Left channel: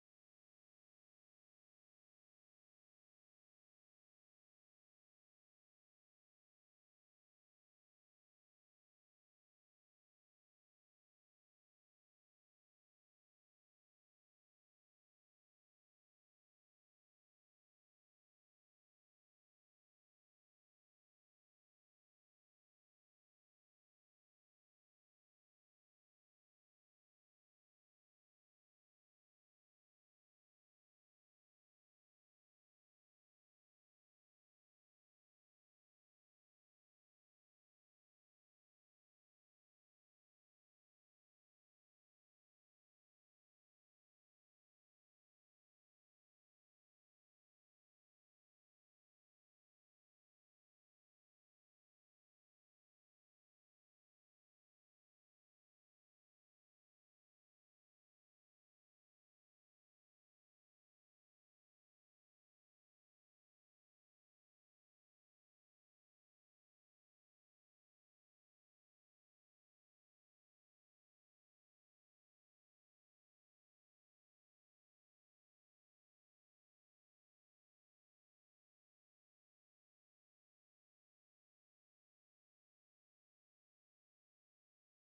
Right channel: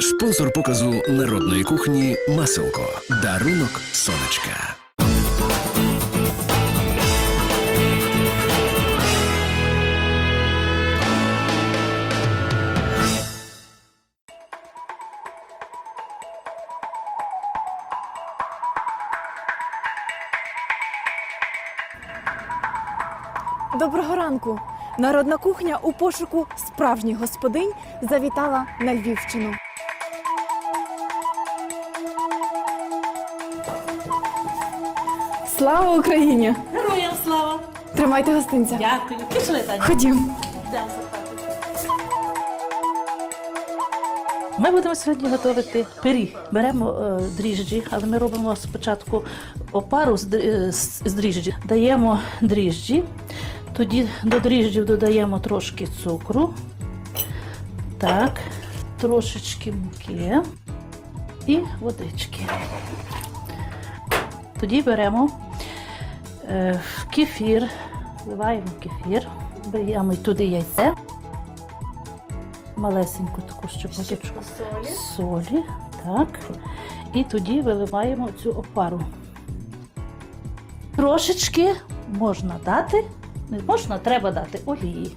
Спонсор показу народної кухні Маселко. Дарунок сонечка. Доброго ранку! Народна кухня у пошуку справжніх господинь завітала на Львівщину. Слава Україні! Героям слава! Тримайте гостинця. Дякую. Пішли, Таня. Ходім. Йдемо. Ми будемо сьогодні готувати пиріг. Беремо е, дріжджі, але ми робимо спочатку опару з, дрі- е, з, з дріжджі. Даємо дріжджі, тоді до дріжджів додаємо трошки цукру, так, трошечки муки і водички. Тоді беремо е, кефір, вливаємо кефір, даємо туди яйце, малесеньку таку щепоточку солі. солі, так. І тоді виливаємо цю опару. Трошечки можна дати, не можна, треба дати олії.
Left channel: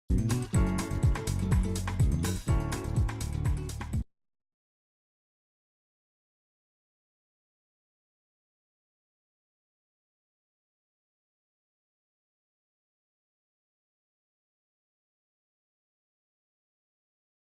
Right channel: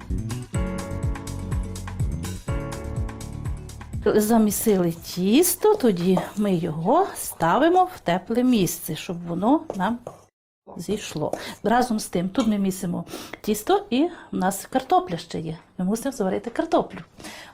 Замісили тісто, тоді ми його ставимо в тепле місце, щоб воно нам зійшло. Разом з тим, тут ми місимо тісто і в нас картопля ще є. Ми мусимо зварити картоплю.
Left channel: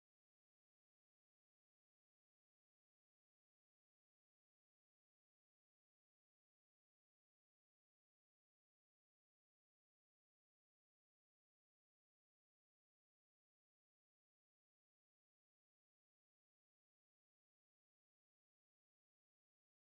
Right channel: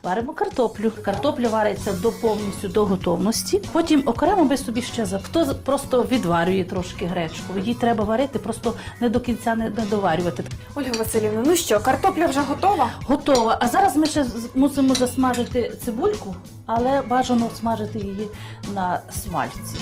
Варимо картоплю. Картопля вариться до повністю до готовності. Потім окремо ми собі ще за хто просто відварює трошки гречку. Її треба варити, просто не до кінця не, доварювати. Ольга Васильівна, ну що, картопля вже готова? Готово. А зараз ми ще мусимо засмажити цибульку, але бажано смажити її на смальці.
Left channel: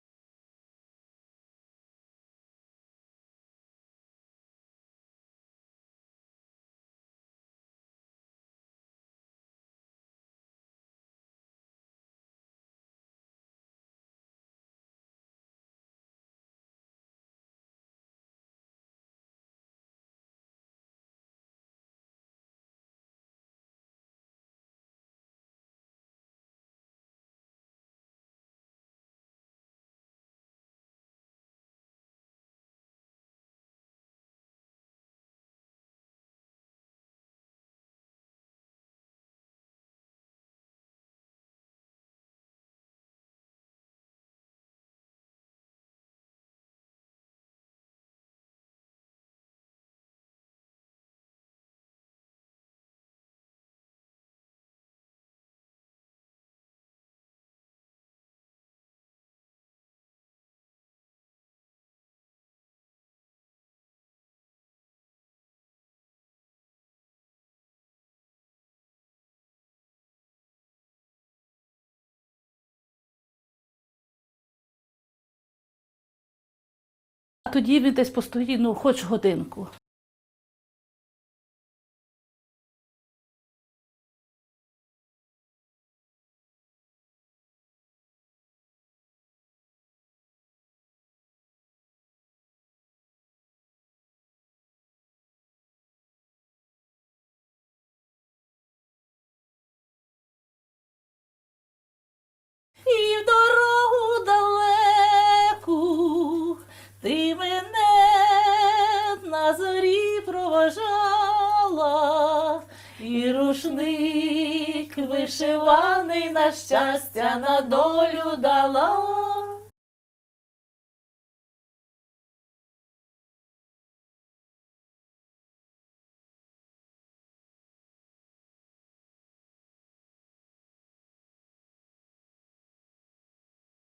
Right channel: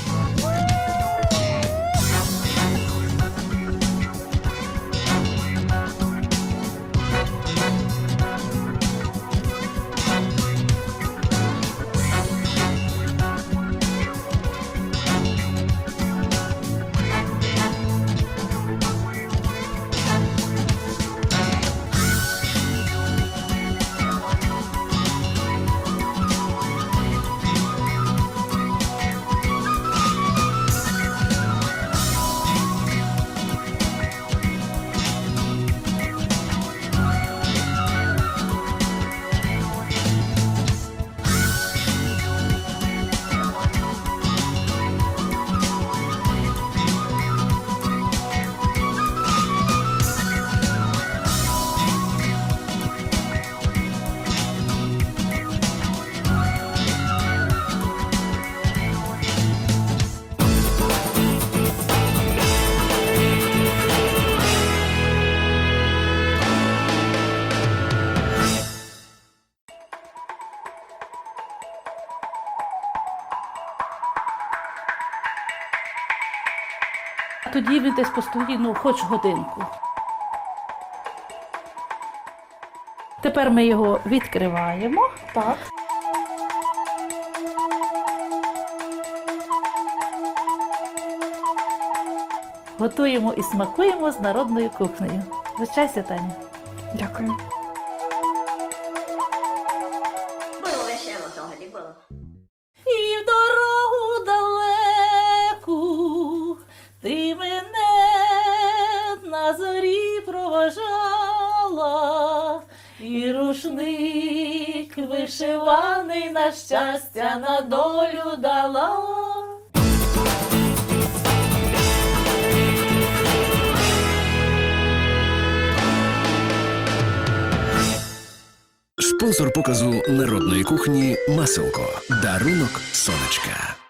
Тоді він десь постоїть, ну, хоч годинку. Тепер ми його відкриваємо. Так. Готуємо і смакуємо з народною кухнею. Вичайся, Таня. Дякую. І в дорогу проважала, і рушник вишиваний на щастя на долю дала. Спонсор показу народної кухні Маселко. Дарунок сонечка.